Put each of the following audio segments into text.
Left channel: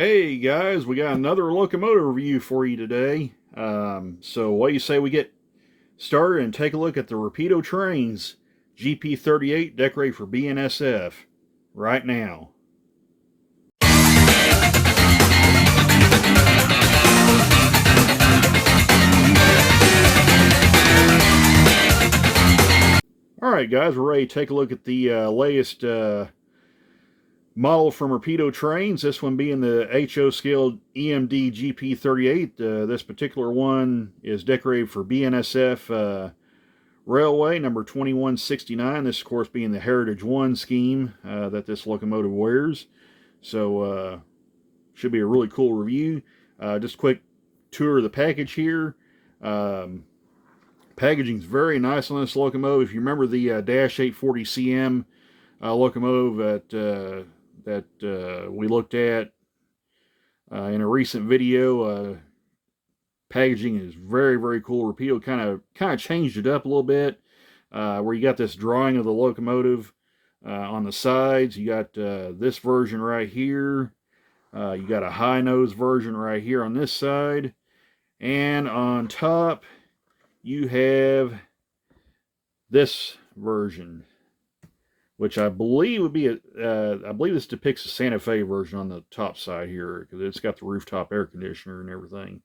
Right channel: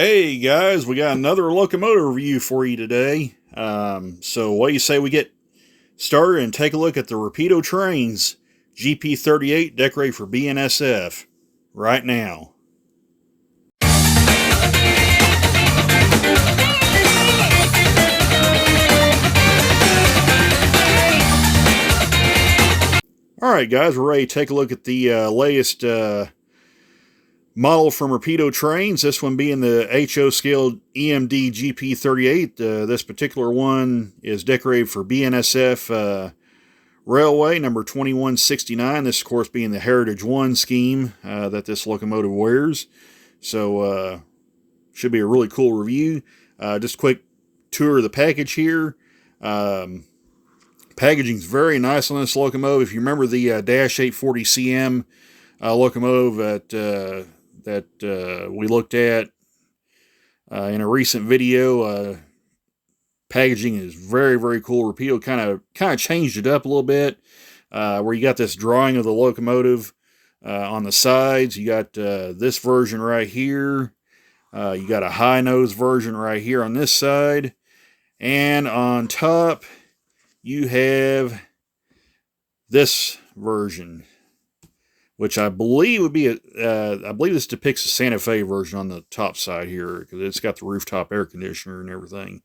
Hey guys, we got another locomotive review for you today. So what do you say we get started and take a look at the Rapido trains GP38 decorated for BNSF right now. All right, guys, we're ready to take a look at the latest model from Rapido trains. This one being the HO scale EMD GP38. This particular one is decorated for BNSF Railway number 2169. This, of course, being the Heritage 1 scheme that this locomotive wears. So, should be a really cool review. Just a quick tour of the package here. Packaging's very nice on this locomotive. If you remember the Dash 840 CM locomotive that we looked at in a recent video, packaging is very, very cool. Rapido kind of changed it up a little bit, where you got this drawing of the locomotive on the sides. You got this version right here. You got a high nose version right here on this side, and on top you have this version, which I believe would be I believe this depicts the Santa Fe version on the top side here, because it's got the rooftop air conditioner and everything.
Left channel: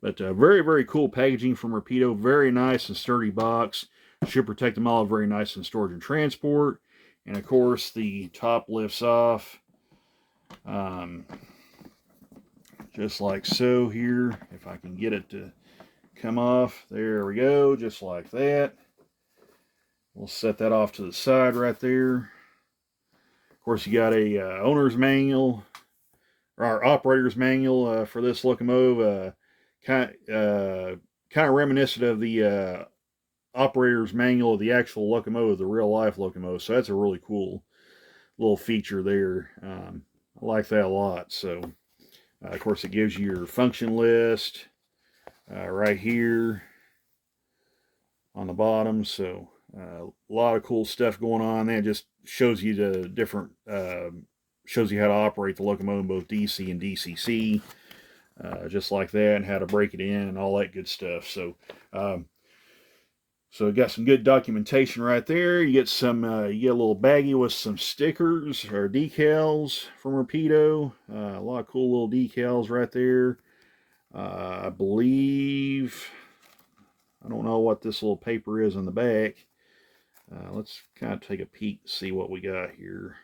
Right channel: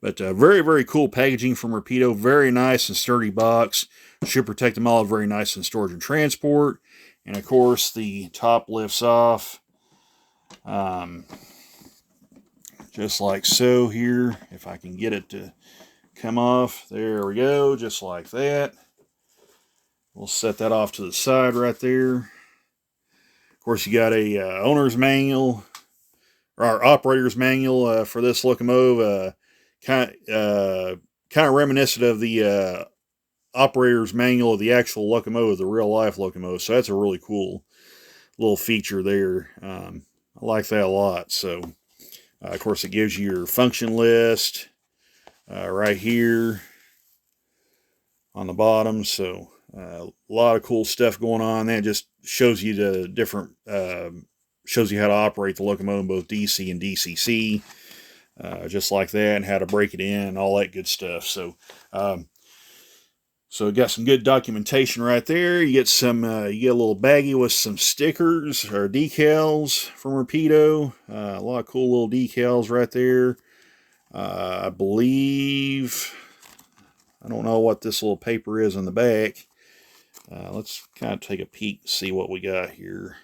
But very, very cool packaging from Rapido. Very nice and sturdy box. Should protect them all. Very nice in storage and transport. And of course, the top lifts off, just like so here. If I can get it to come off. There we go, just like that. We'll set that off to the side right there. Of course, you got a owner's manual, or operator's manual for this locomotive. Kind of reminiscent of the operator's manual of the actual locomotive, the real life locomotive. So that's a really cool little feature there. I like that a lot. So, of course, it gives you your function list right here on the bottom. So a lot of cool stuff going on. That just shows you the different, shows you how to operate the locomotive, both DC and DCC, just like that, and how to break it in and all that good stuff. So, so it got some good documentation right there. You get some, you get a little baggie with some stickers or decals from Rapido. A lot of cool little decals right there. I believe, I don't know what this little paper is in the back. Let's kind of take a peek and see what we got here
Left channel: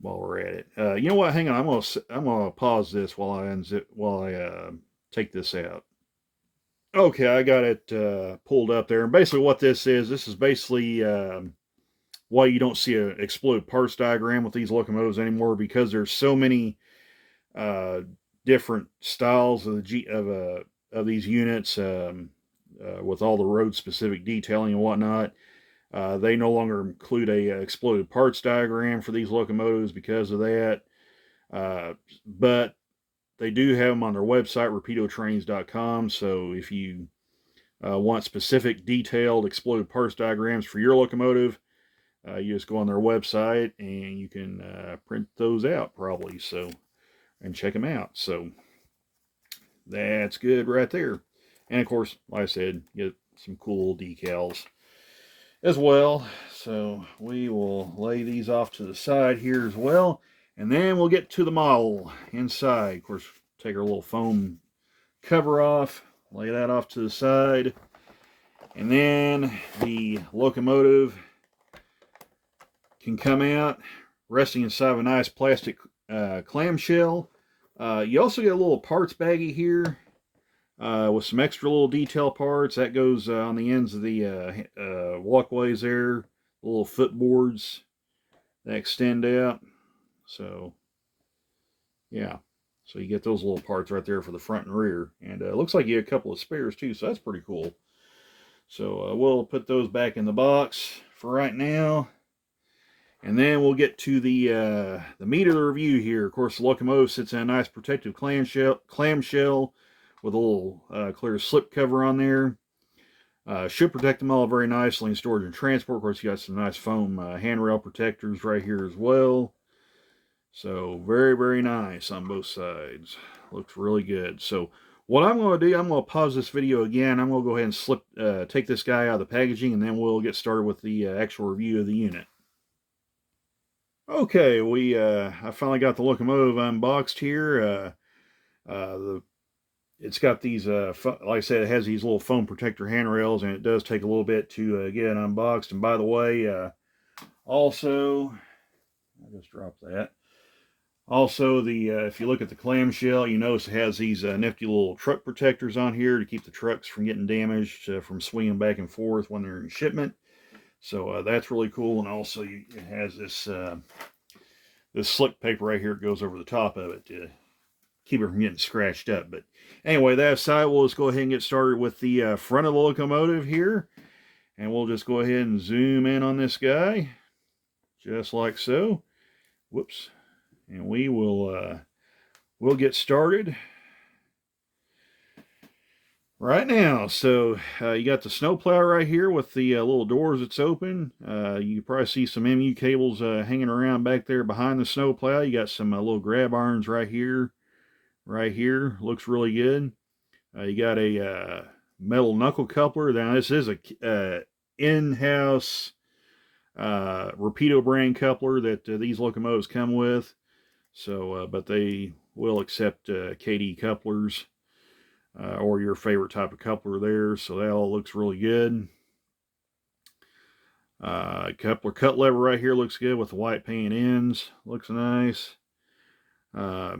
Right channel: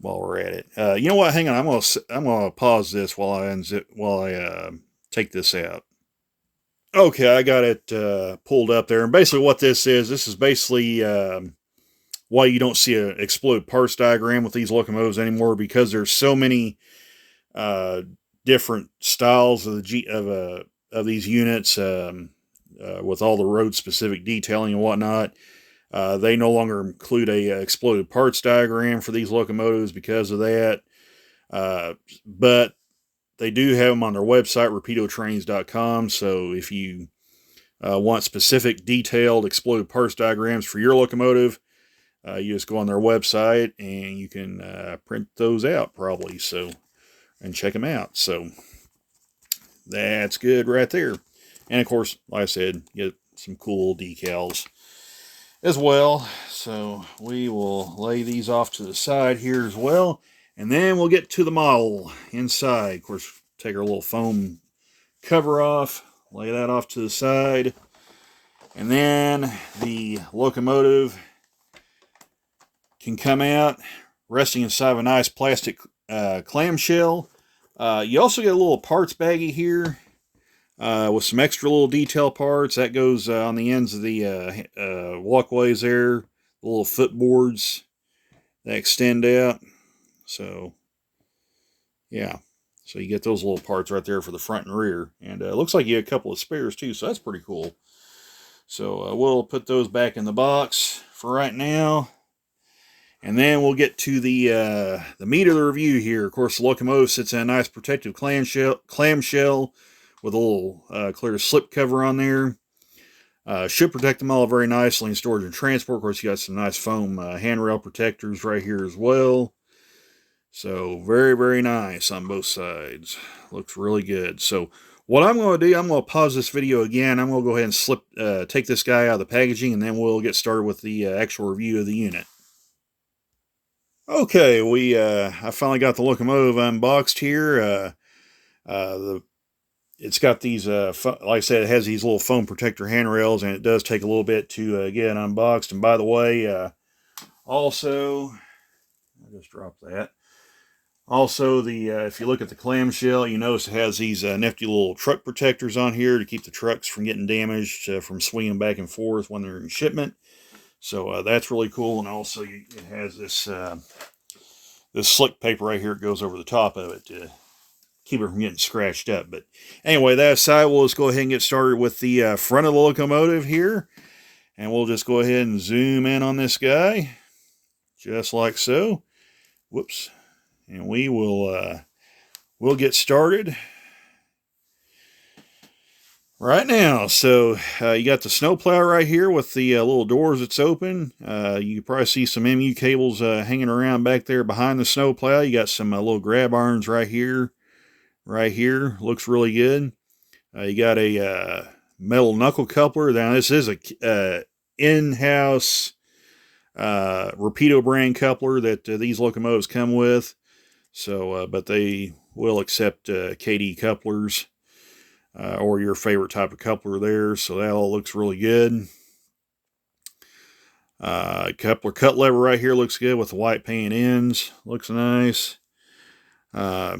while we're at it. You know what? Hang on. I'm gonna pause this while I take this out. Okay, I got it pulled up there, and basically what this is basically why you don't see an exploded parts diagram with these locomotives anymore, because there's so many different styles of these units, with all the road specific detailing and whatnot. They no longer include a exploded parts diagram for these locomotives because of that. But they do have them on their website, rapidotrains.com. So if you want specific detailed exploded parts diagrams for your locomotive, you just go on their website and you can print those out probably. So, and check them out. So that's good right there. And of course, like I said, get some cool decals as well. So we will lay these off to the side here as well. And then we'll get to the model inside. Of course, take our little foam cover off, lay that off to the side. And then the locomotive can come out resting inside of a nice plastic clamshell. You also get a little parts baggie here with some extra little detail parts. That goes on the ends of the walkways there, little footboards that extend out. So, yeah. So you get those little parts right there for the front and rear. And it looks like you have a couple of spares too, so that's pretty cool. So we'll put those back in the box for right now. And then we'll get to the meat of the review here. Of course, the locomotive sits in a nice protective clamshell with a little clear slip cover on there. Should protect them all very nicely in storage and transport. Of course, you got some nice foam handrail protectors right here as well. So very, very nice on both sides. Looks really good. So what I'm going to do, I'm going to pause this video again. I'm going to go ahead and take this guy out of the packaging, and then we'll get started with the actual review of the unit. Okay, I finally got the locomotive unboxed here. It's got these, like I said, it has these little foam protector handrails, and it does take a little bit to get it unboxed. And by the way, also, I just dropped that. Also, if you look at the clamshell, you notice it has these nifty little truck protectors on here to keep the trucks from getting damaged from swinging back and forth when they're in shipment. So that's really cool. And also, it has this slick paper right here. It goes over the top of it to keep it from getting scratched up. But anyway, that aside, we'll just go ahead and get started with the front of the locomotive here. And we'll just go ahead and zoom in on this guy, just like so. Whoops. And we'll get started right now. So you got the snowplow right here with the little doors that's open. You can probably see some MU cables hanging around back there behind the snowplow. You got some little grab irons right here. Right here, looks really good. You got a metal knuckle coupler. Now this is a in-house Rapido brand coupler that these locomotives come with. So, but they will accept KD couplers or your favorite type of coupler there. So that all looks really good. Coupler cut lever right here looks good with the white paint ends. Looks nice. Got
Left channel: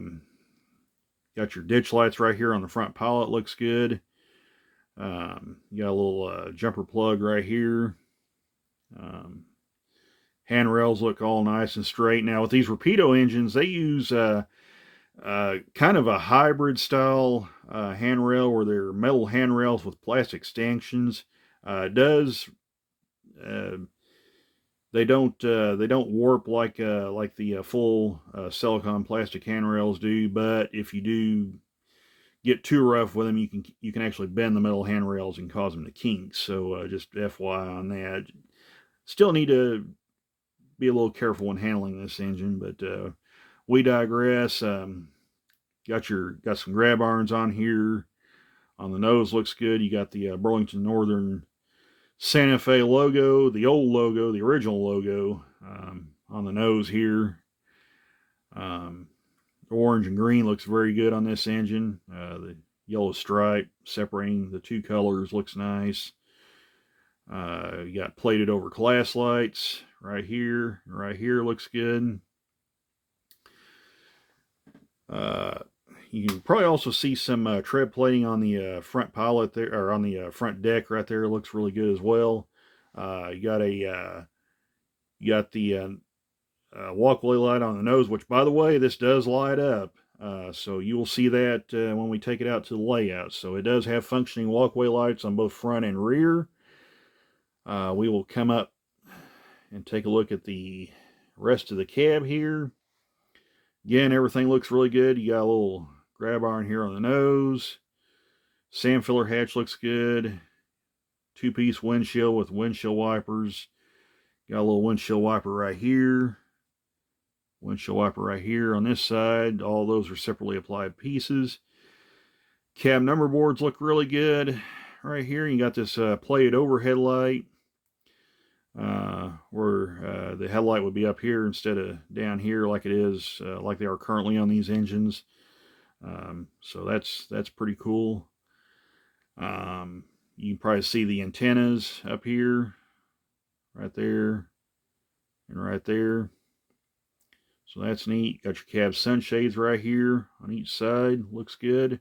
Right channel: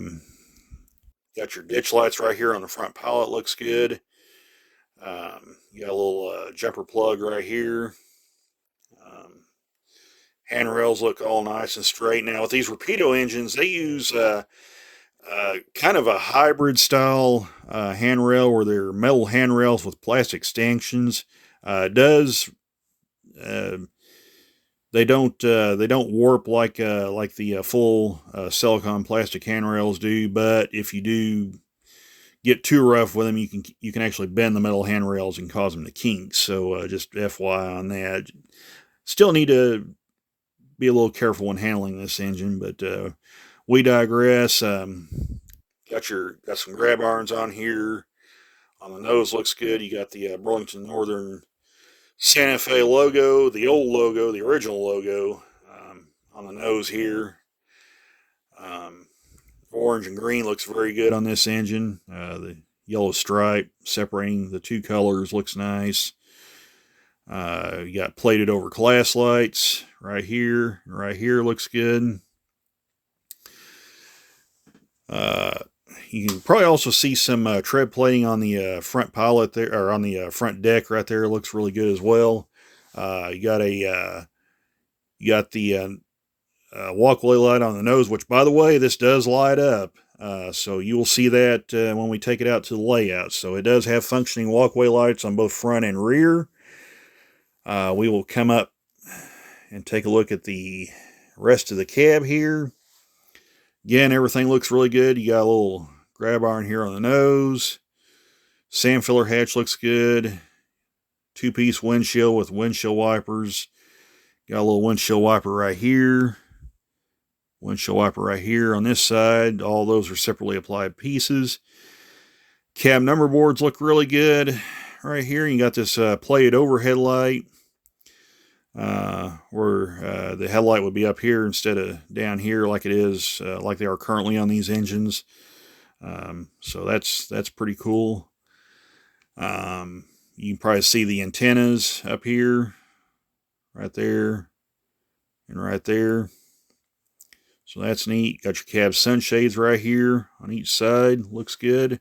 your ditch lights right here on the front pallet. Looks good. You got a little jumper plug right here. Handrails look all nice and straight. Now with these Rapido engines, they use kind of a hybrid style handrail where they're metal handrails with plastic stanchions. They don't warp like the full silicone plastic handrails do, but if you do get too rough with them, you can actually bend the metal handrails and cause them to kink. So just FYI on that. Still need to be a little careful when handling this engine, but we digress. Got some grab irons on here. On the nose looks good. You got the Burlington Northern Santa Fe logo, the old logo, the original logo on the nose here. Orange and green looks very good on this engine. The yellow stripe separating the two colors looks nice. You got plated over glass lights right here. Right here looks good. You can probably also see some tread plating on the front pallet there, or on the front deck right there. It looks really good as well. You got the walkway light on the nose, which, by the way, this does light up. So you will see that when we take it out to the layout. So it does have functioning walkway lights on both front and rear. We will come up and take a look at the rest of the cab here. Again, everything looks really good. You got a little grab iron here on the nose. Sand filler hatch looks good. Two-piece windshield with windshield wipers. Got a little windshield wiper right here. Windshield wiper right here on this side. All those are separately applied pieces. Cab number boards look really good. Right here, you got this plated overhead light. Where the headlight would be up here instead of down here like it is, like they are currently on these engines. So that's pretty cool. You can probably see the antennas up here, right there, and right there. So that's neat. Got your cab sunshades right here on each side. Looks good.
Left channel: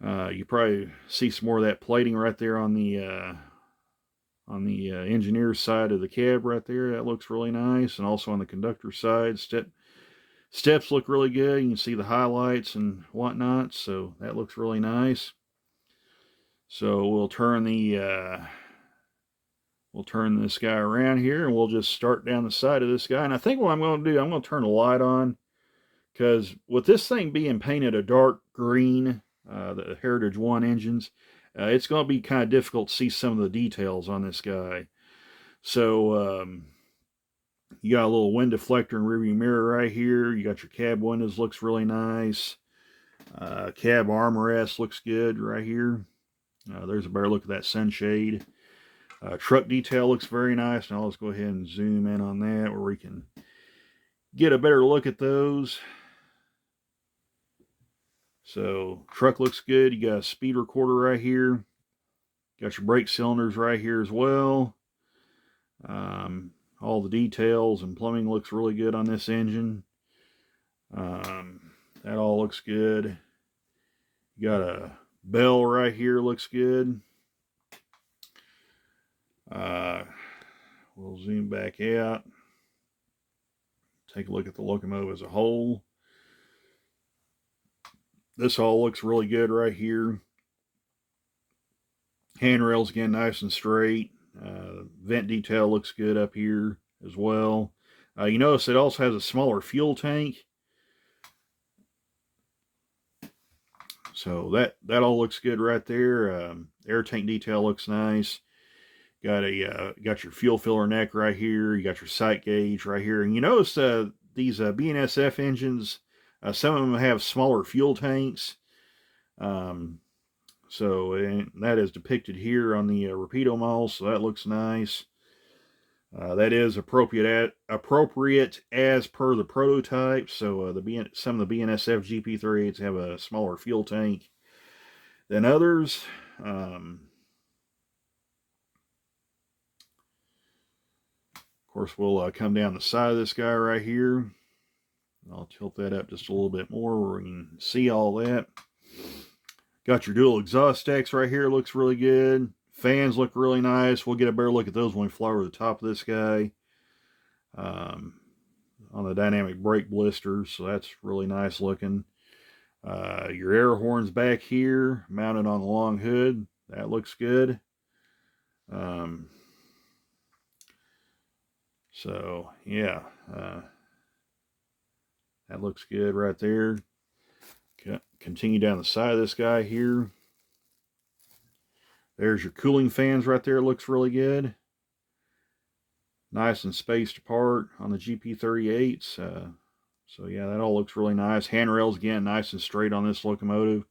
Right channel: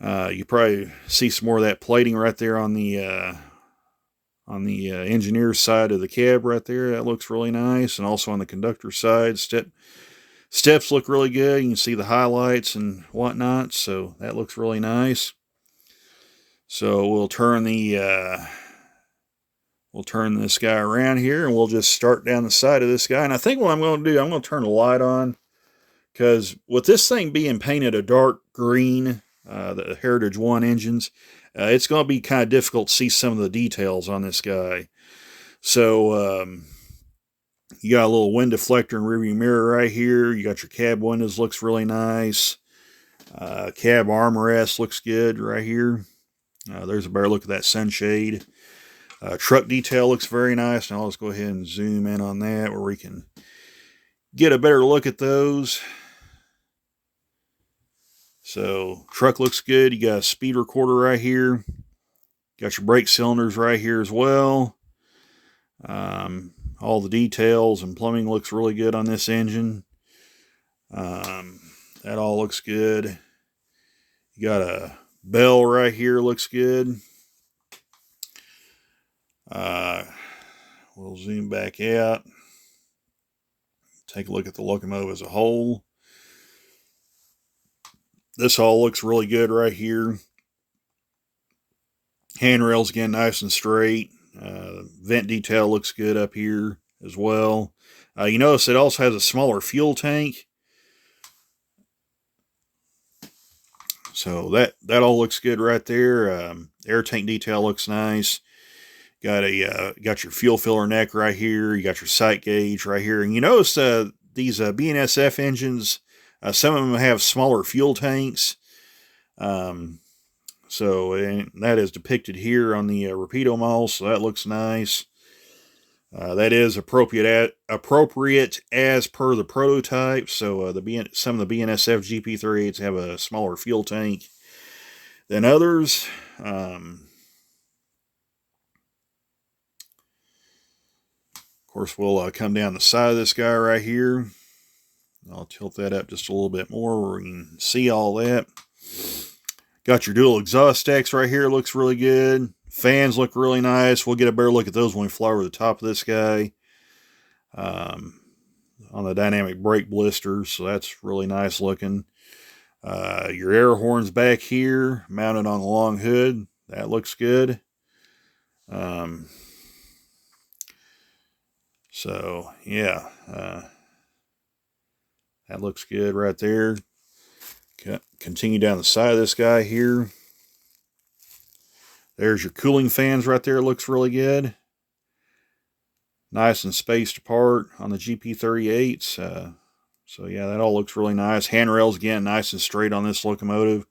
You probably see some more of that plating right there on the engineer's side of the cab right there. That looks really nice. And also on the conductor side, steps look really good. You can see the highlights and whatnot. So that looks really nice. So we'll turn this guy around here, and we'll just start down the side of this guy. And I think what I'm going to do, I'm going to turn the light on, because with this thing being painted a dark green, the Heritage 1 engines, it's going to be kind of difficult to see some of the details on this guy. So You got a little wind deflector and rearview mirror right here. You got your cab windows, looks really nice. Cab armrest looks good right here. There's a better look at that sunshade. Truck detail looks very nice. Now let's go ahead and zoom in on that where we can get a better look at those. So truck looks good. You got a speed recorder right here. Got your brake cylinders right here as well. All the details and plumbing looks really good on this engine. That all looks good. You got a bell right here, looks good. We'll zoom back out. Take a look at the locomotive as a whole. This all looks really good right here. Handrails again, nice and straight. Vent detail looks good up here as well. You notice it also has a smaller fuel tank. So that all looks good right there. Air tank detail looks nice. Got your fuel filler neck right here. You got your sight gauge right here. And you notice these BNSF engines, some of them have smaller fuel tanks. So that is depicted here on the Rapido model, so that looks nice. That is appropriate as per the prototype. So some of the BNSF GP38s have a smaller fuel tank than others. Of course, we'll come down the side of this guy right here. I'll tilt that up just a little bit more where we can see all that. Got your dual exhaust stacks right here. Looks really good. Fans look really nice. We'll get a better look at those when we fly over the top of this guy. On the dynamic brake blisters, so that's really nice looking. Your air horns back here, mounted on the long hood. That looks good. So, yeah. That looks good right there. Continue down the side of this guy here. There's your cooling fans right there. Looks really good. Nice and spaced apart on the GP38s. So yeah, that all looks really nice. Handrails again, nice and straight on this locomotive.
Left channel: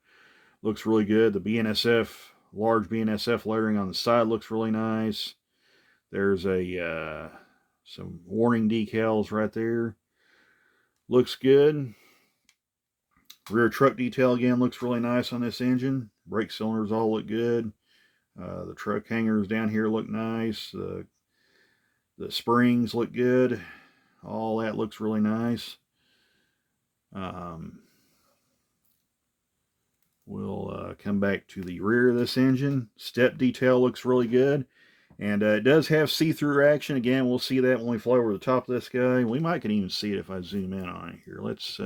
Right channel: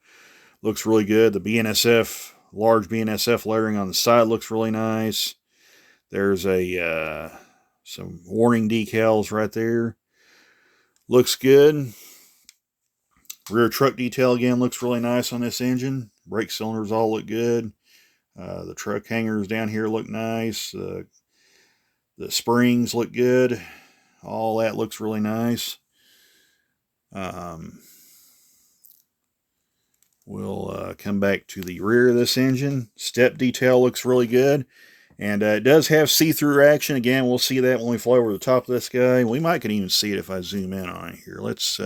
Looks really good. The BNSF, large BNSF lettering on the side looks really nice. There's some warning decals right there. Looks good. Rear truck detail again looks really nice on this engine. Brake cylinders all look good. The truck hangers down here look nice. The springs look good. All that looks really nice. We'll come back to the rear of this engine. Step detail looks really good. And it does have see-through action. Again, we'll see that when we fly over the top of this guy. We might can even see it if I zoom in on it here. Let's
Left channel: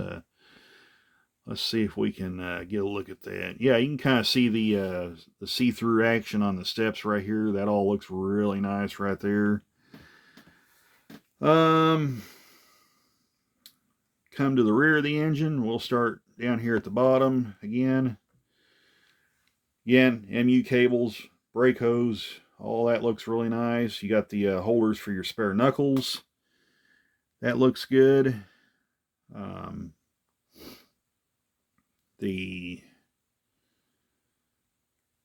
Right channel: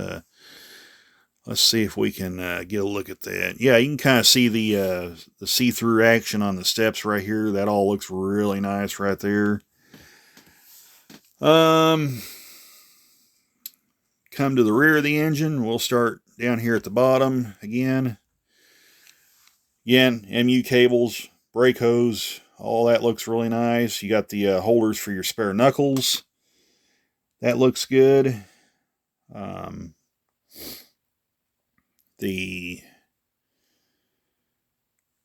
see if we can get a look at that. Yeah, you can kind of see the see-through action on the steps right here. That all looks really nice right there. Come to the rear of the engine. We'll start down here at the bottom again. Again, MU cables, brake hose, all that looks really nice. You got the holders for your spare knuckles. That looks good. The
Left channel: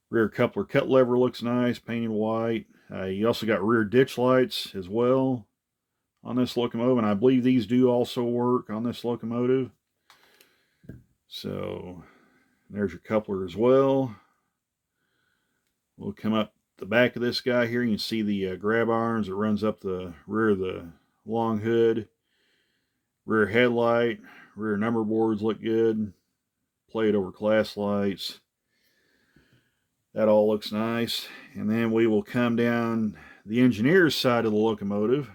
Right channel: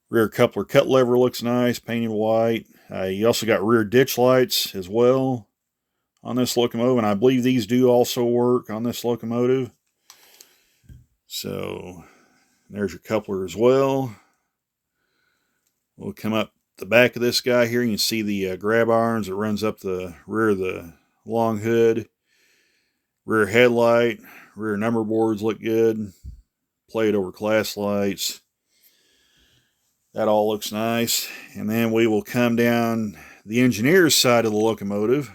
rear coupler cut lever looks nice, painted white. You also got rear ditch lights as well on this locomotive, and I believe these do also work on this locomotive. So there's your coupler as well. We'll come up the back of this guy here. You can see the grab irons that runs up the rear of the long hood. Rear headlight, rear number boards look good. Plate over class lights. That all looks nice. And then we will come down the engineer's side of the locomotive.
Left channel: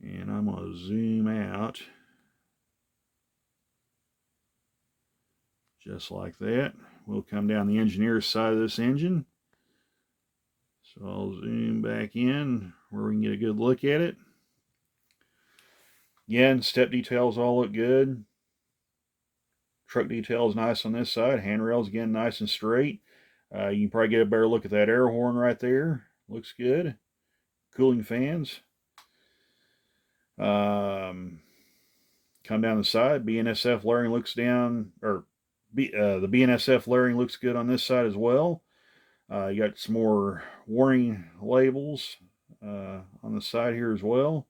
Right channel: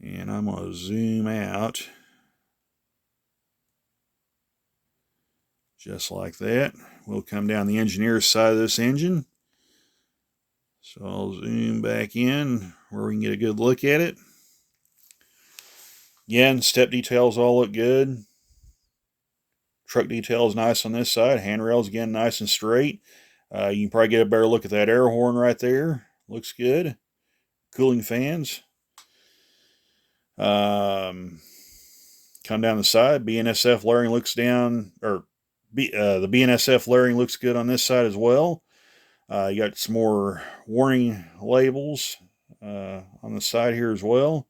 And I'm going to zoom out. Just like that. We'll come down the engineer's side of this engine. So I'll zoom back in where we can get a good look at it. Again, step details all look good. Truck details nice on this side. Handrails again nice and straight. You can probably get a better look at that air horn right there. Looks good. Cooling fans. Come down the side, BNSF layering looks down, or the BNSF layering looks good on this side as well. You got some more warning labels on the side here as well.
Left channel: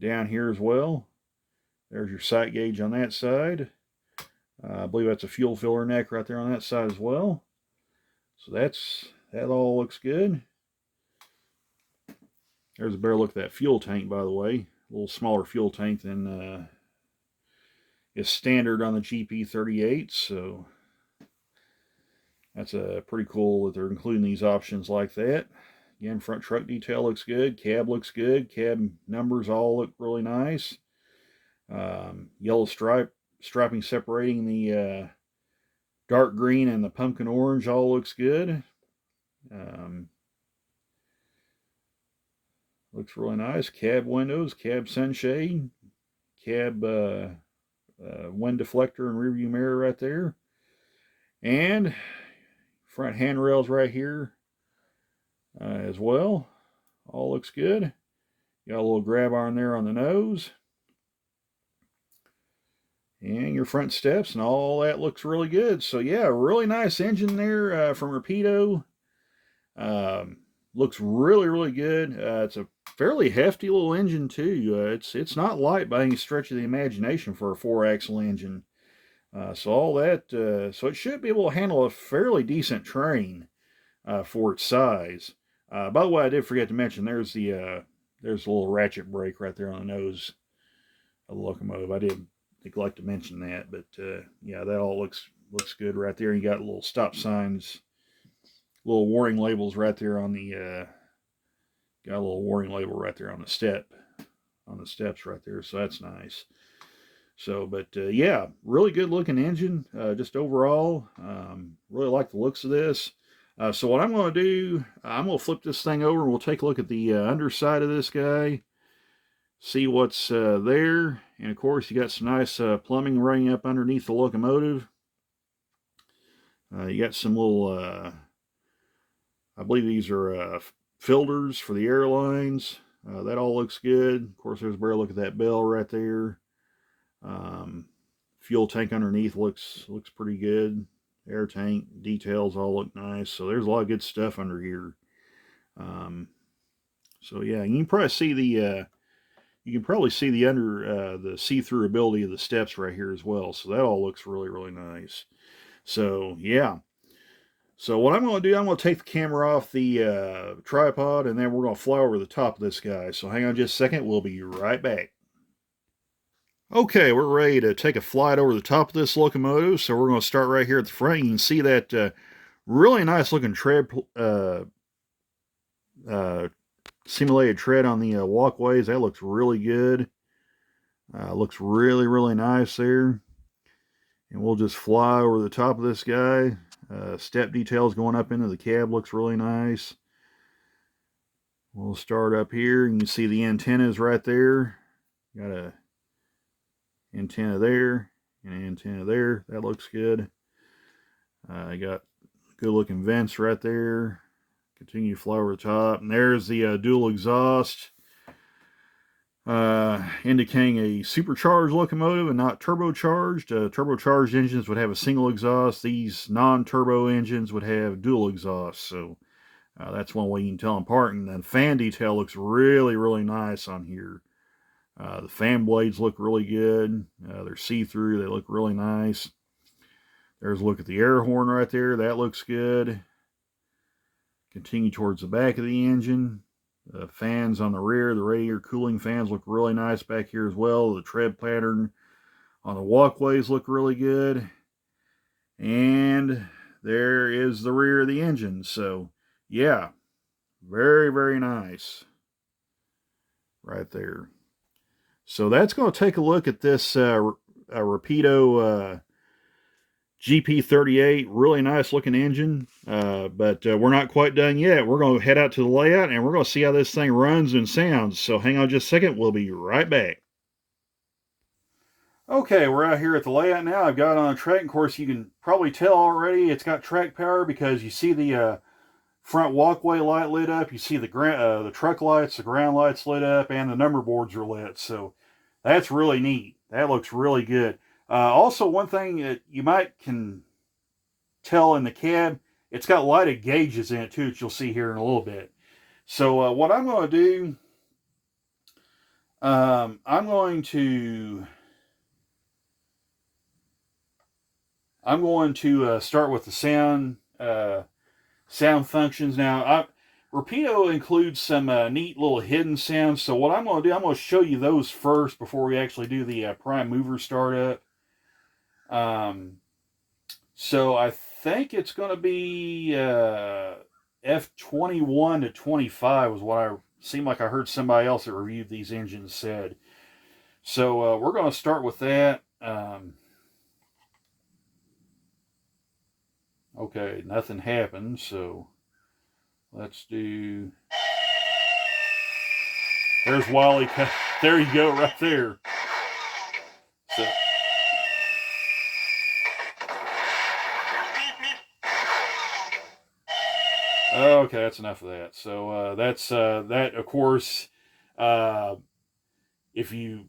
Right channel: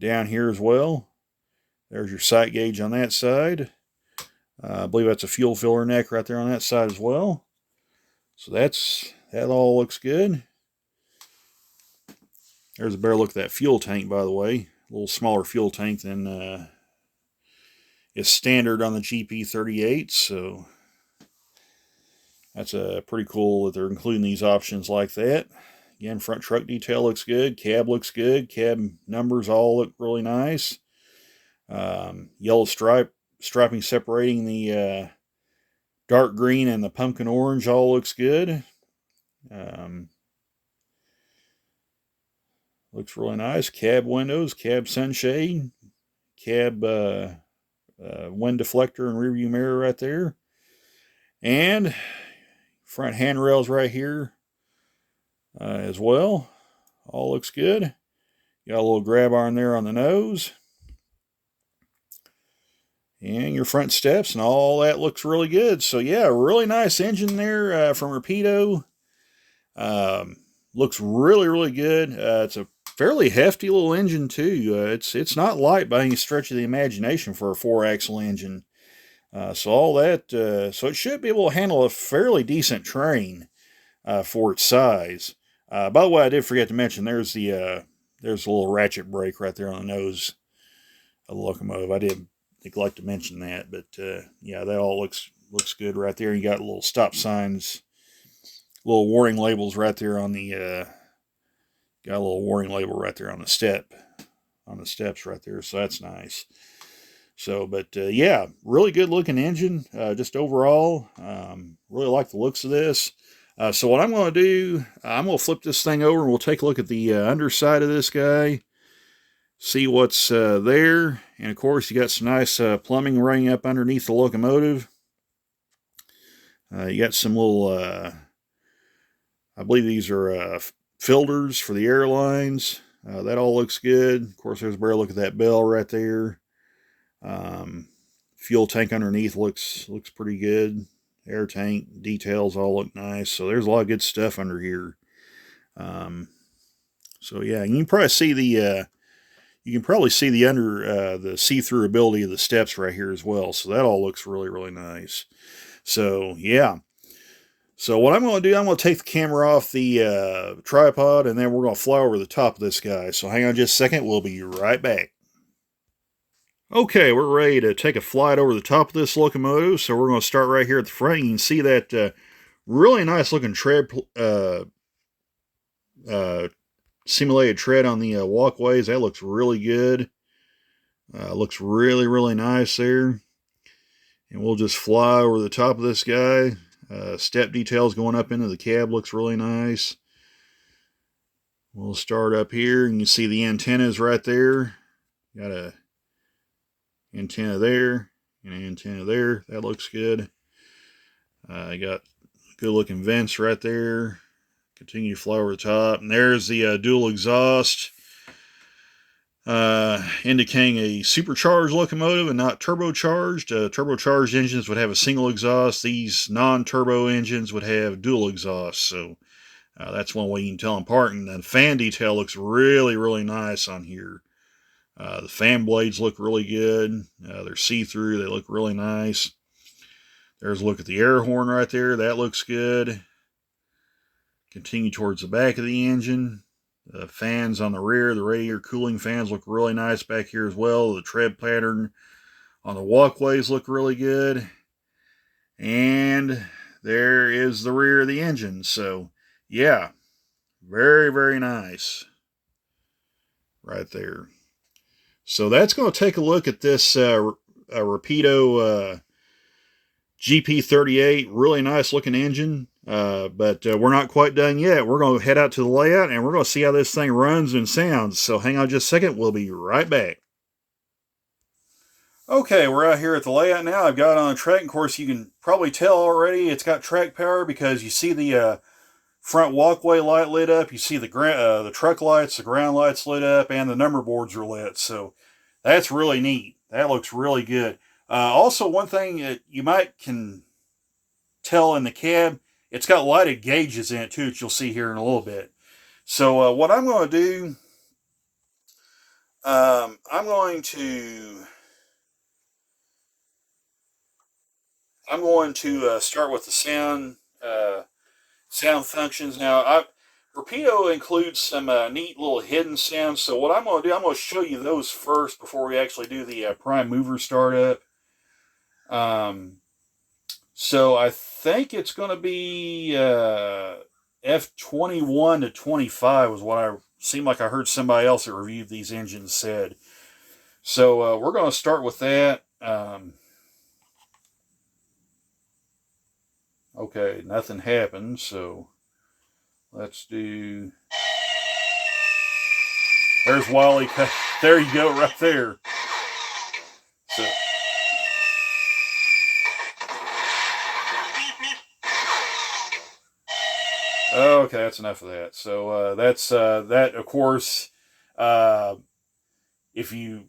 Down here as well. There's your sight gauge on that side. I believe that's a fuel filler neck right there on that side as well. So that all looks good. There's a better look at that fuel tank, by the way. A little smaller fuel tank than is standard on the GP38. So that's pretty cool that they're including these options like that. Again, front truck detail looks good. Cab looks good. Cab numbers all look really nice. Yellow striping separating the dark green and the pumpkin orange all looks good. Looks really nice. Cab windows, cab sunshade, cab wind deflector and rear view mirror right there. And front handrails right here as well. All looks good. Got a little grab arm there on the nose. And your front steps and all that looks really good. So yeah, really nice engine there from Rapido. Looks really, really good. It's a fairly hefty little engine too. It's not light by any stretch of the imagination for a 4-axle engine. So all that, so it should be able to handle a fairly decent train for its size. By the way, I did forget to mention there's a little ratchet brake right there on the nose of the locomotive. I did neglect to mention that, but yeah, that all looks good right there. You got little stop signs, little warning labels right there on the got a little warning label right there on the steps right there, so that's nice. So, but yeah, really good looking engine. Just overall, really like the looks of this. So what I'm going to do, I'm going to flip this thing over and we'll take a look at the underside of this guy, see what's there. And of course, you got some nice plumbing running up underneath the locomotive. You got some little, I believe these are filters for the airlines. That all looks good. Of course, there's a better look at that bell right there. Fuel tank underneath looks pretty good. Air tank details all look nice. So there's a lot of good stuff under here. So yeah, you can probably see the under the see-through ability of the steps right here as well. So that all looks really, really nice. So yeah. So what I'm going to do, I'm going to take the camera off the tripod, and then we're going to fly over the top of this guy. So hang on just a second. We'll be right back. Okay, we're ready to take a flight over the top of this locomotive. So we're going to start right here at the front. You can see that really nice looking tread, simulated tread on the walkways. That looks really good. Looks really, really nice there. And we'll just fly over the top of this guy. Step details going up into the cab looks really nice. We'll start up here, and you can see the antennas right there. Got a antenna there and an antenna there. That looks good. I got good looking vents right there. Continue to fly over the top, and there's the dual exhaust, indicating a supercharged locomotive and not turbocharged. Turbocharged engines would have a single exhaust. These non-turbo engines would have dual exhaust. So that's one way you can tell them apart. And the fan detail looks really, really nice on here. The fan blades look really good. They're see-through. They look really nice. There's a look at the air horn right there. That looks good. Continue towards the back of the engine. The fans on the rear, the radiator cooling fans look really nice back here as well. The tread pattern on the walkways look really good. And there is the rear of the engine. So, yeah, very, very nice right there. So that's going to take a look at this Rapido GP38. Really nice looking engine. But we're not quite done yet. We're going to head out to the layout and we're going to see how this thing runs and sounds. So hang on just a second. We'll be right back. Okay, we're out here at the layout now. I've got it on a track. Of course, you can probably tell already it's got track power because you see the front walkway light lit up. You see the truck lights, the ground lights lit up, and the number boards are lit. So that's really neat. That looks really good. Also, one thing that you might can tell in the cab, it's got lighted gauges in it too, that you'll see here in a little bit. So what I'm going to do, I'm going to start with the sound functions. Now, Rapido includes some neat little hidden sounds. So what I'm going to do, I'm going to show you those first before we actually do the prime mover startup. So I think it's going to be F21 to 25 was what I seemed like I heard somebody else that reviewed these engines said. So we're going to start with that. Okay, nothing happened, so let's do... There's Wally. There you go, right there. So... Okay, that's enough of that. So that's that. Of course, if you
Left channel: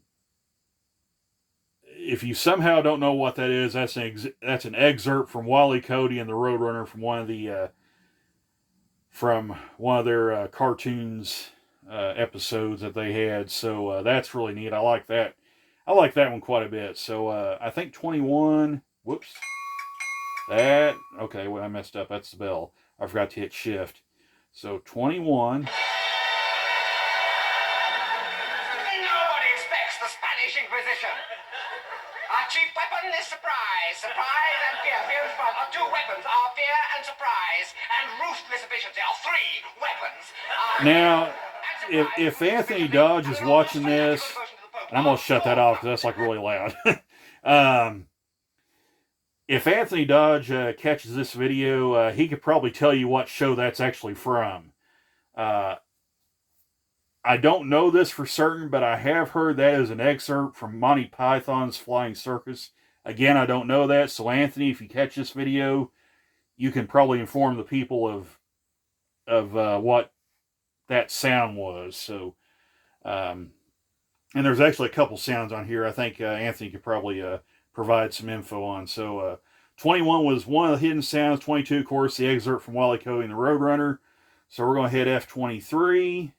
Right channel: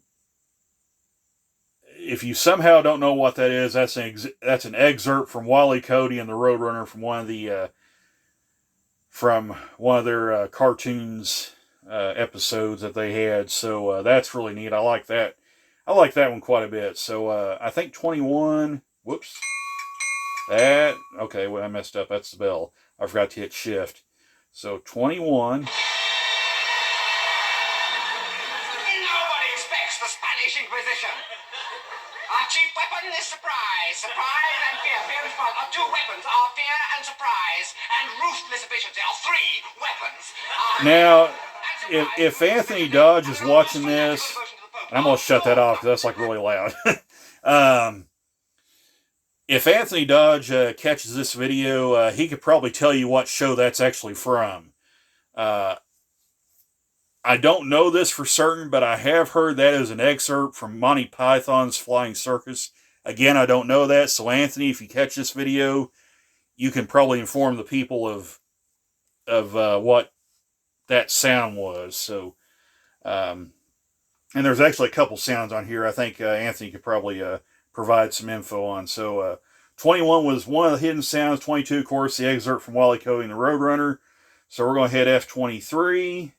somehow don't know what that is, that's an excerpt from Wally Cody and the Roadrunner from one of their cartoons episodes that they had. So that's really neat. I like that. I like that one quite a bit. So I think 21. Whoops. That okay. Well, I messed up. That's the bell. I forgot to hit shift. So 21. Nobody expects the Spanish Inquisition. Our chief weapon is surprise. Surprise and fear. Fear and surprise are two weapons. Our fear and surprise and ruthless efficiency are three weapons. Now, if Anthony Dodge is watching this, and I'm going to shut that off because that's like really loud. If Anthony Dodge catches this video, he could probably tell you what show that's actually from. I don't know this for certain, but I have heard that is an excerpt from Monty Python's Flying Circus. Again, I don't know that, so Anthony, if you catch this video, you can probably inform the people of what that sound was. So, and there's actually a couple sounds on here I think Anthony could probably provide some info on. So 21 was one of the hidden sounds. 22, of course, the excerpt from Wally Cody and the Roadrunner. So we're going to hit F23.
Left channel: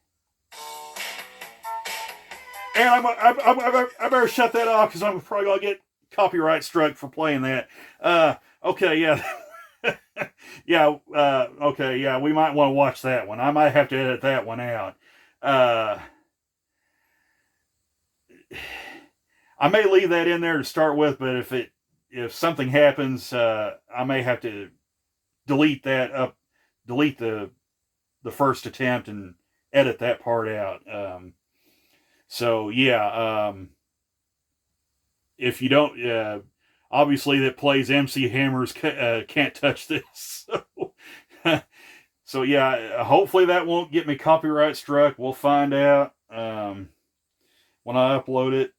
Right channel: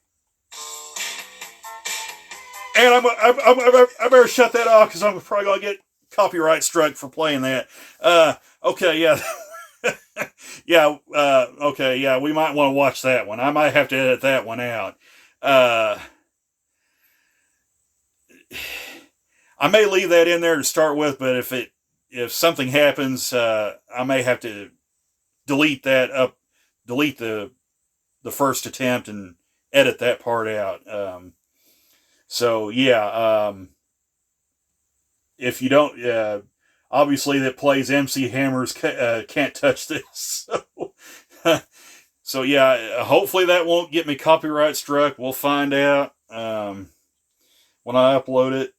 And I better shut that off because I'm probably going to get copyright struck for playing that. Okay, yeah. Okay, yeah, we might want to watch that one. I might have to edit that one out. I may leave that in there to start with, but if something happens, I may have to delete the first attempt and edit that part out. So yeah, if you don't, obviously that plays MC Hammer's Can't Touch This. So yeah, hopefully that won't get me copyright struck. We'll find out when I upload it.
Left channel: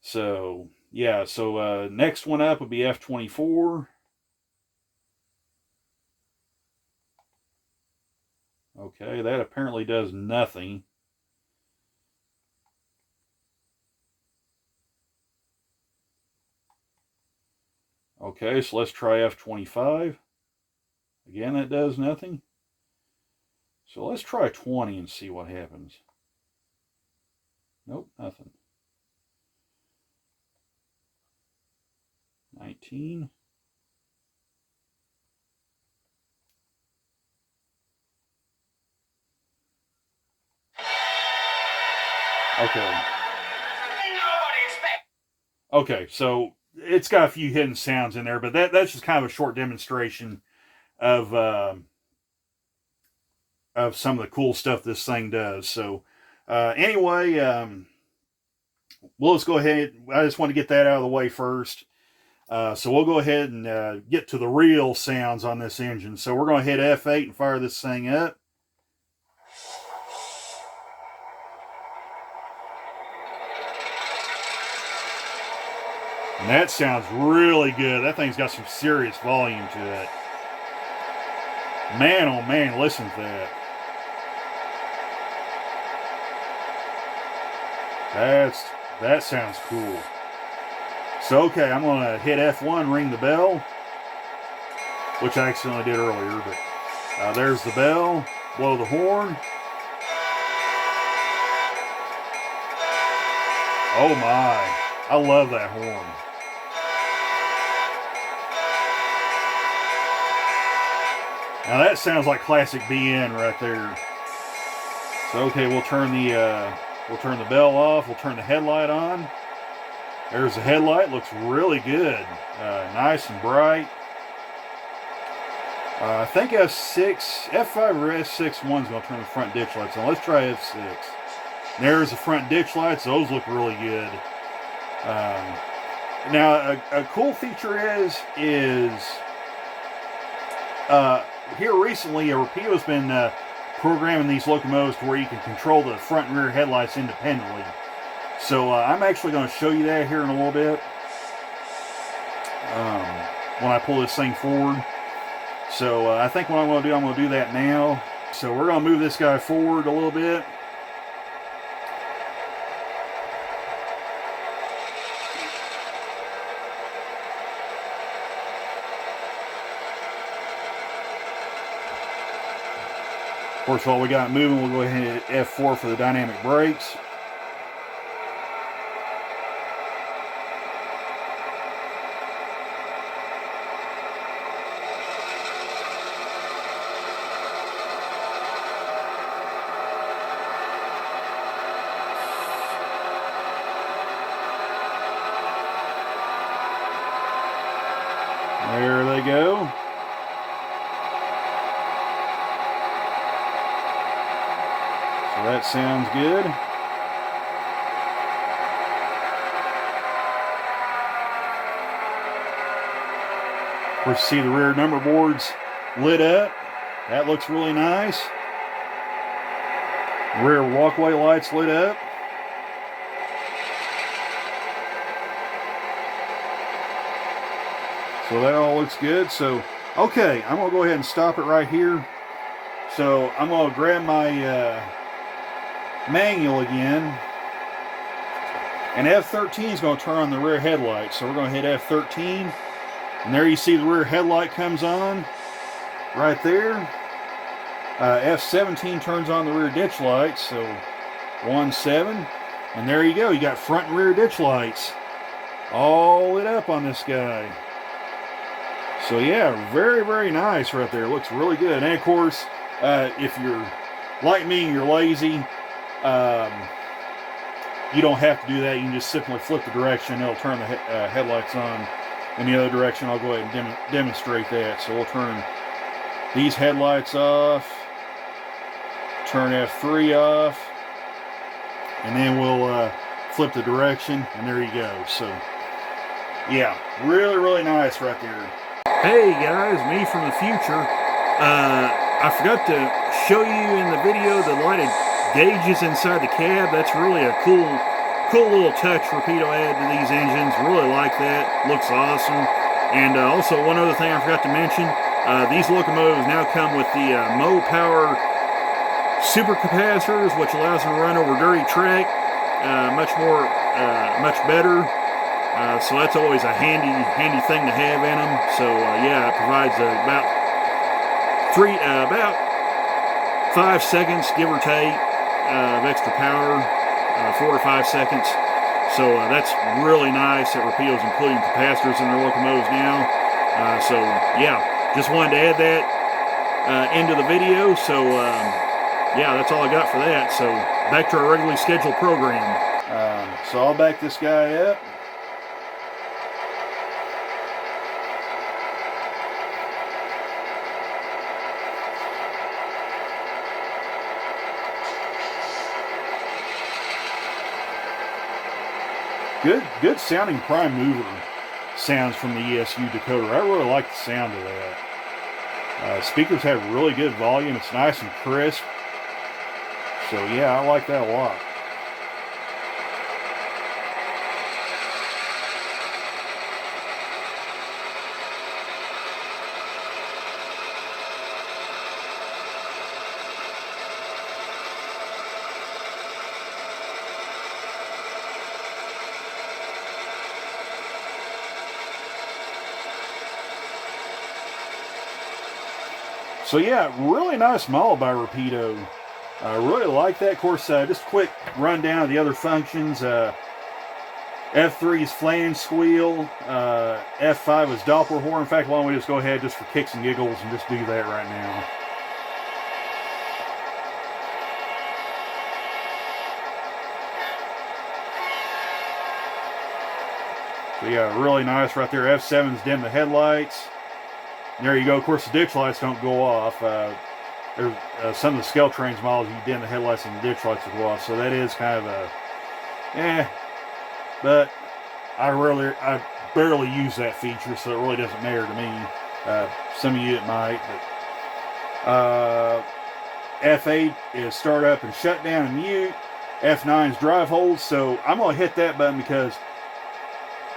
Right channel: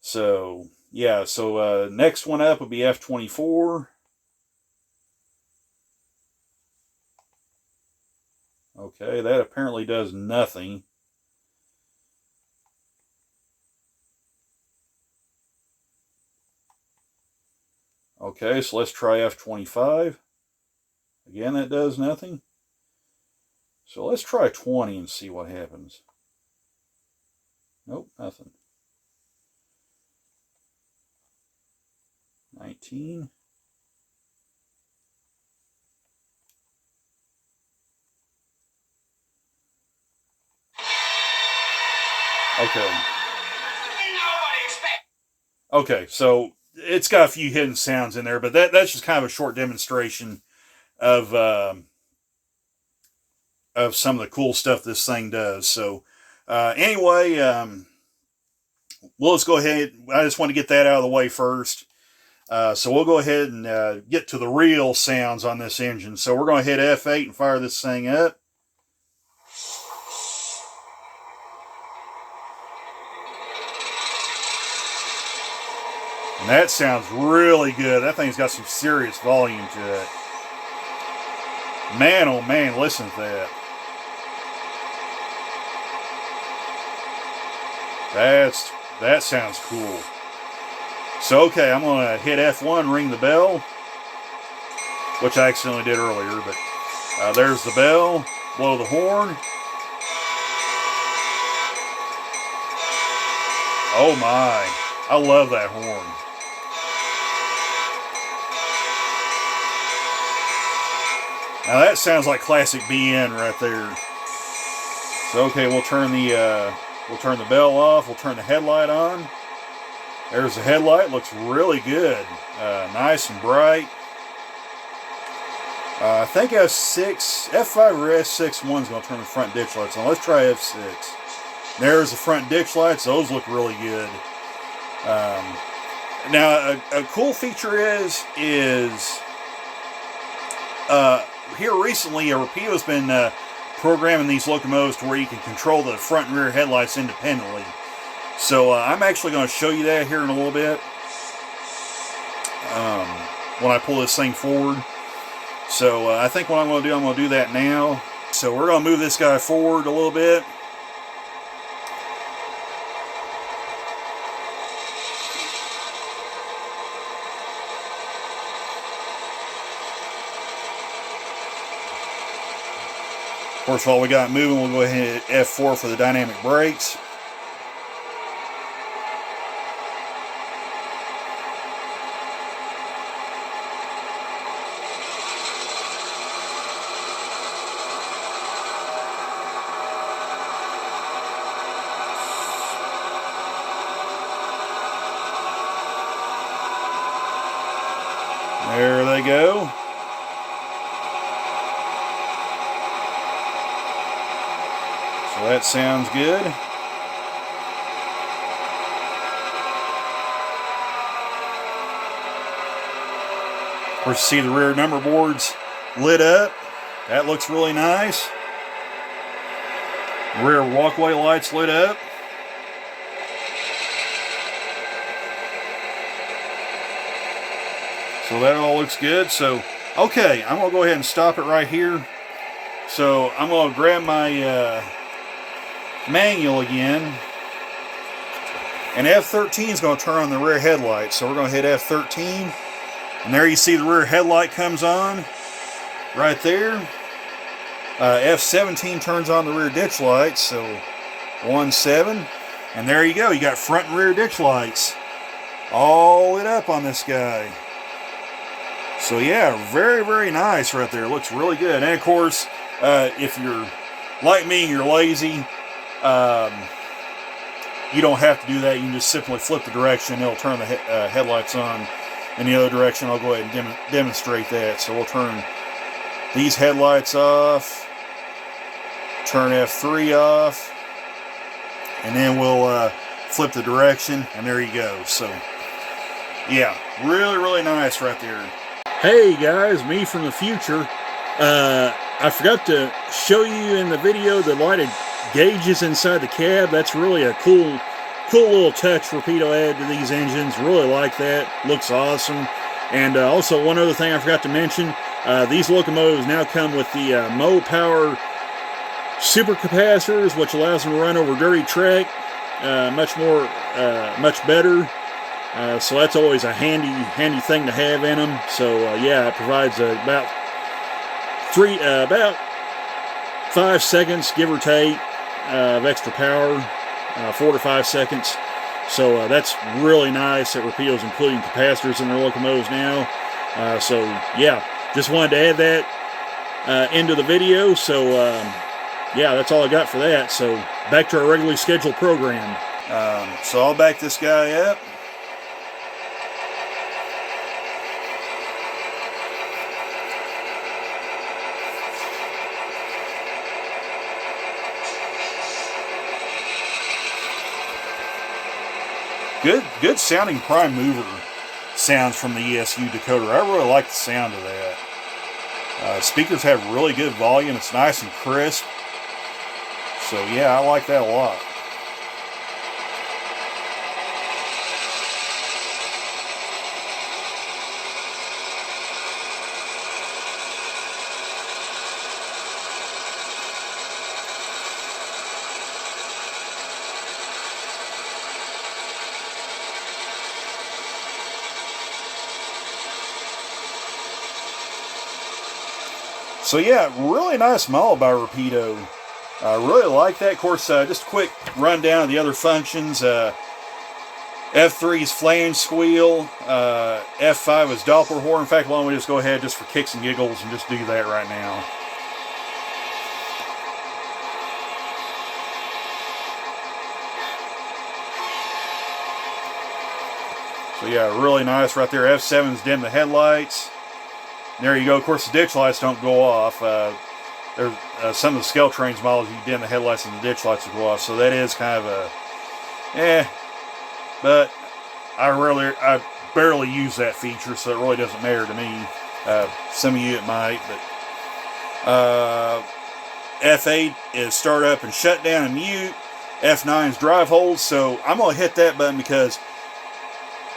So yeah, so next one up will be F24. Okay, that apparently does nothing. Okay, so let's try F25. Again, that does nothing. So let's try 20 and see what happens. Nope, nothing. 19. Okay. Okay, so it's got a few hidden sounds in there, but that's just kind of a short demonstration of some of the cool stuff this thing does. So anyway, well, let's go ahead. I just want to get that out of the way first. So we'll go ahead and get to the real sounds on this engine. So we're going to hit F8 and fire this thing up. And that sounds really good. That thing's got some serious volume to it. Man, oh man, listen to that. That sounds cool. So, okay, I'm going to hit F1, ring the bell, which I accidentally did earlier, but there's the bell, blow the horn. Oh my, I love that horn. Now that sounds like classic BN right there. So okay, we'll turn the bell off. We'll turn the headlight on. There's the headlight. Looks really good. Nice and bright. I think F5 or S6 one's going to turn the front ditch lights on. Let's try F6. There's the front ditch lights. Those look really good. Now a cool feature is here recently, Rapido's been programming these locomotives to where you can control the front and rear headlights independently. So I'm actually going to show you that here in a little bit when I pull this thing forward. So I think what I'm going to do that now. So we're going to move this guy forward a little bit. Of course, while we got moving, we'll go ahead and hit F4 for the dynamic brakes. There they go. So that sounds good. Of course, you see the rear number boards lit up. That looks really nice. Rear walkway lights lit up. So that all looks good. So, okay, I'm going to go ahead and stop it right here. So I'm going to grab my manual again. And F13 is going to turn on the rear headlight. So we're going to hit F13. And there you see the rear headlight comes on. Right there. F17 turns on the rear ditch lights. So 1-7. And there you go. You got front and rear ditch lights all lit up on this guy. So yeah, very, very nice right there. Looks really good. And of course, if you're like me and you're lazy, you don't have to do that. You can just simply flip the direction. It'll turn the headlights on in the other direction. I'll go ahead and demonstrate that. So we'll turn these headlights off, turn F3 off, and then we'll flip the direction, and there you go. So yeah, really, really nice right there. Hey guys, me from the future. I forgot to show you in the video the lighted gauges inside the cab. That's really a cool little touch Rapido added to these engines. Really like that. Looks awesome. And also one other thing I forgot to mention, these locomotives now come with the Mo Power super capacitors, which allows them to run over dirty track much better. So that's always a handy thing to have in them. So yeah, it provides about 5 seconds, give or take, of extra power, 4 to 5 seconds. So that's really nice that Rapido's including capacitors in their locomotives now. So yeah, just wanted to add that into the video. So yeah, that's all I got for that. So back to our regularly scheduled program. So I'll back this guy up. Good sounding prime mover sounds from the ESU decoder. I really like the sound of that. Speakers have really good volume. It's nice and crisp. So yeah, I like that a lot. So yeah, really nice model by Rapido. I really like that. Of course, just a quick rundown of the other functions. F3's flange squeal. F5 is Doppler horn. In fact, why don't we just go ahead just for kicks and giggles and just do that right now. So yeah, really nice right there. F7's dim the headlights. There you go. Of course, the ditch lights don't go off. There's some of the Skeltrains models, you dim the headlights and the ditch lights will go off. So that is kind of a, but I barely use that feature, so it really doesn't matter to me. Some of you it might, but F8 is start up and shut down and mute. F9 is drive hold. So I'm gonna hit that button because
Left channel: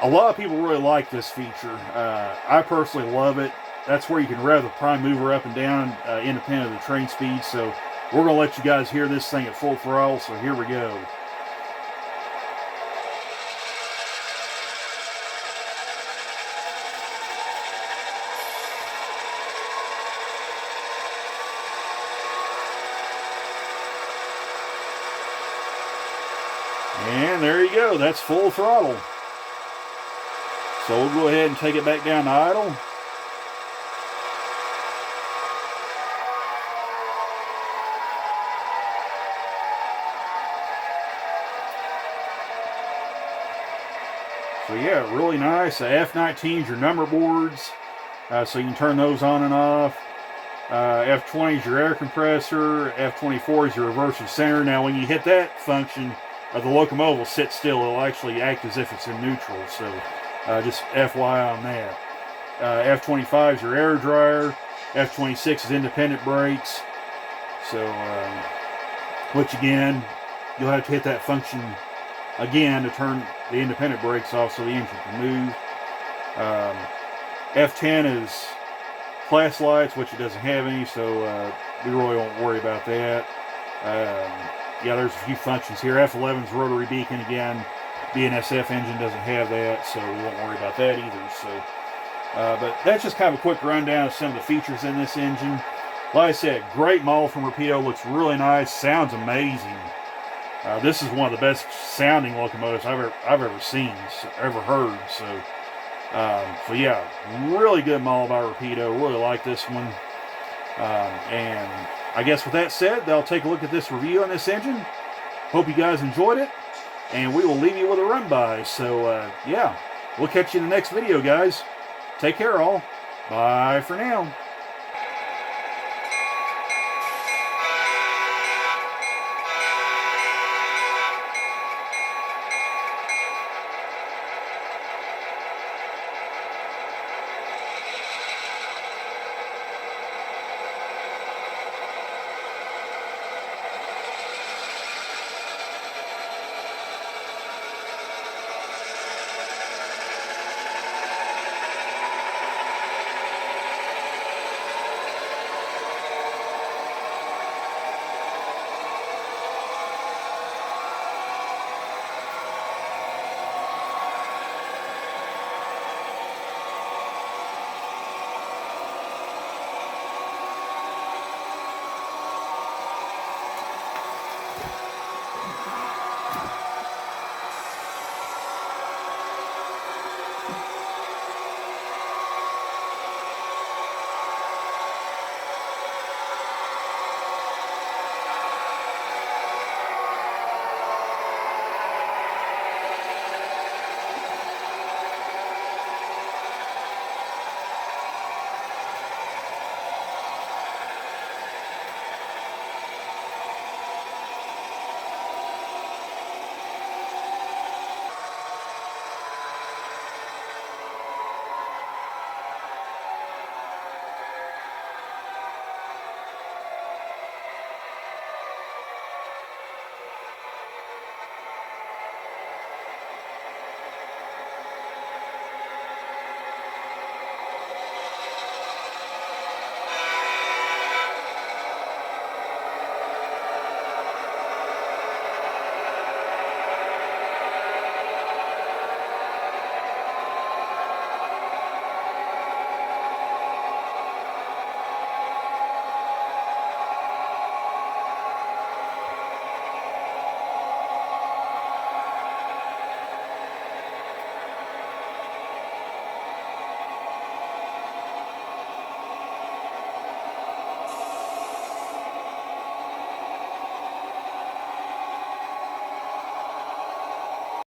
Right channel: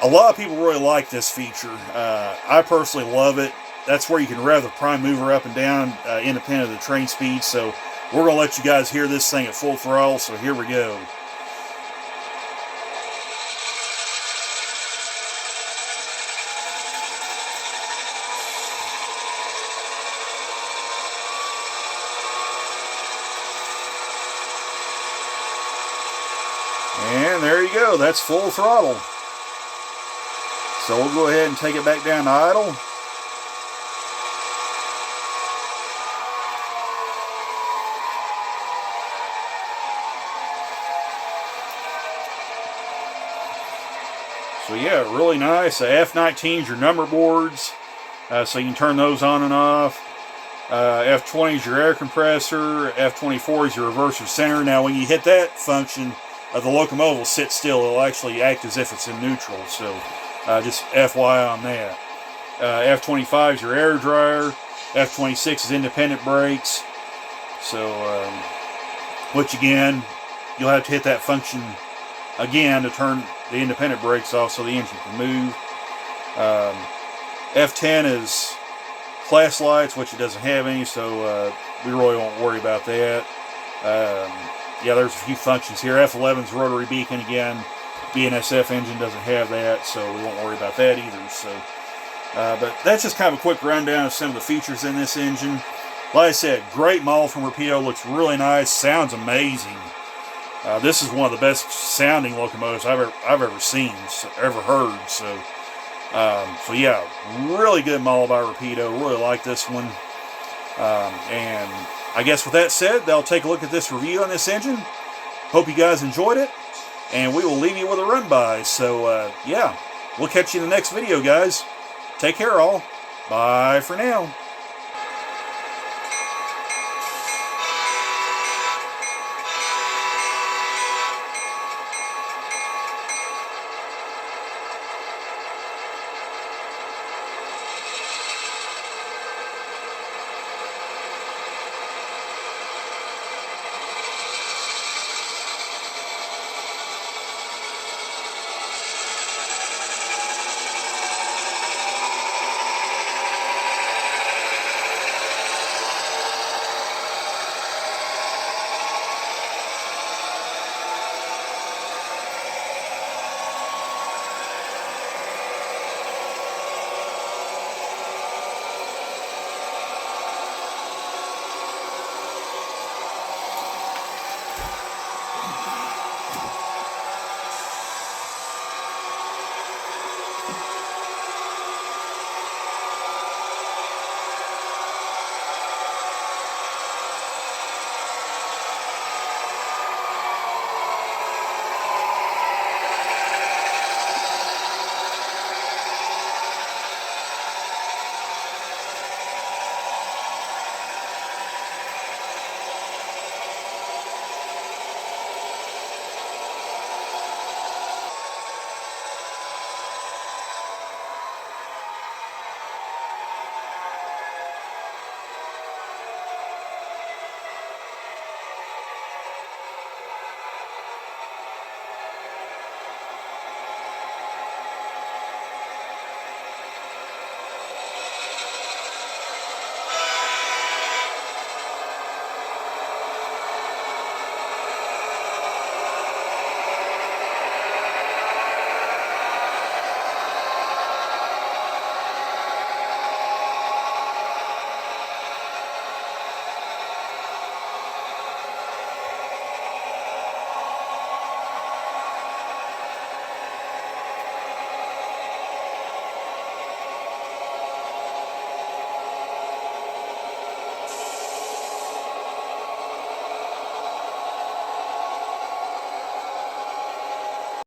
a lot of people really like this feature. I personally love it. That's where you can rev the prime mover up and down, independent of the train speed. So we're going to let you guys hear this thing at full throttle. So here we go. And there you go. That's full throttle. So we'll go ahead and take it back down to idle. So yeah, really nice. F19 is your number boards, so you can turn those on and off. F20 is your air compressor. F24 is your reverser center. Now when you hit that function, the locomotive will sit still. It'll actually act as if it's in neutral. So just FYI on that. F25 is your air dryer. F26 is independent brakes. So, which again, you'll have to hit that function again to turn the independent brakes off so the engine can move. F10 is class lights, which it doesn't have any, so we really won't worry about that. Yeah, there's a few functions here. F11 is rotary beacon again. BNSF engine doesn't have that, so we won't worry about that either. So, but that's just kind of a quick rundown of some of the features in this engine. Like I said, great model from Rapido. Looks really nice. Sounds amazing. This is one of the best sounding locomotives I've ever seen, ever heard. So, so yeah, really good model by Rapido. Really like this one. And I guess with that said, I'll take a look at this review on this engine. Hope you guys enjoyed it, and we will leave you with a run by. So yeah, we'll catch you in the next video, guys. Take care, all. Bye for now.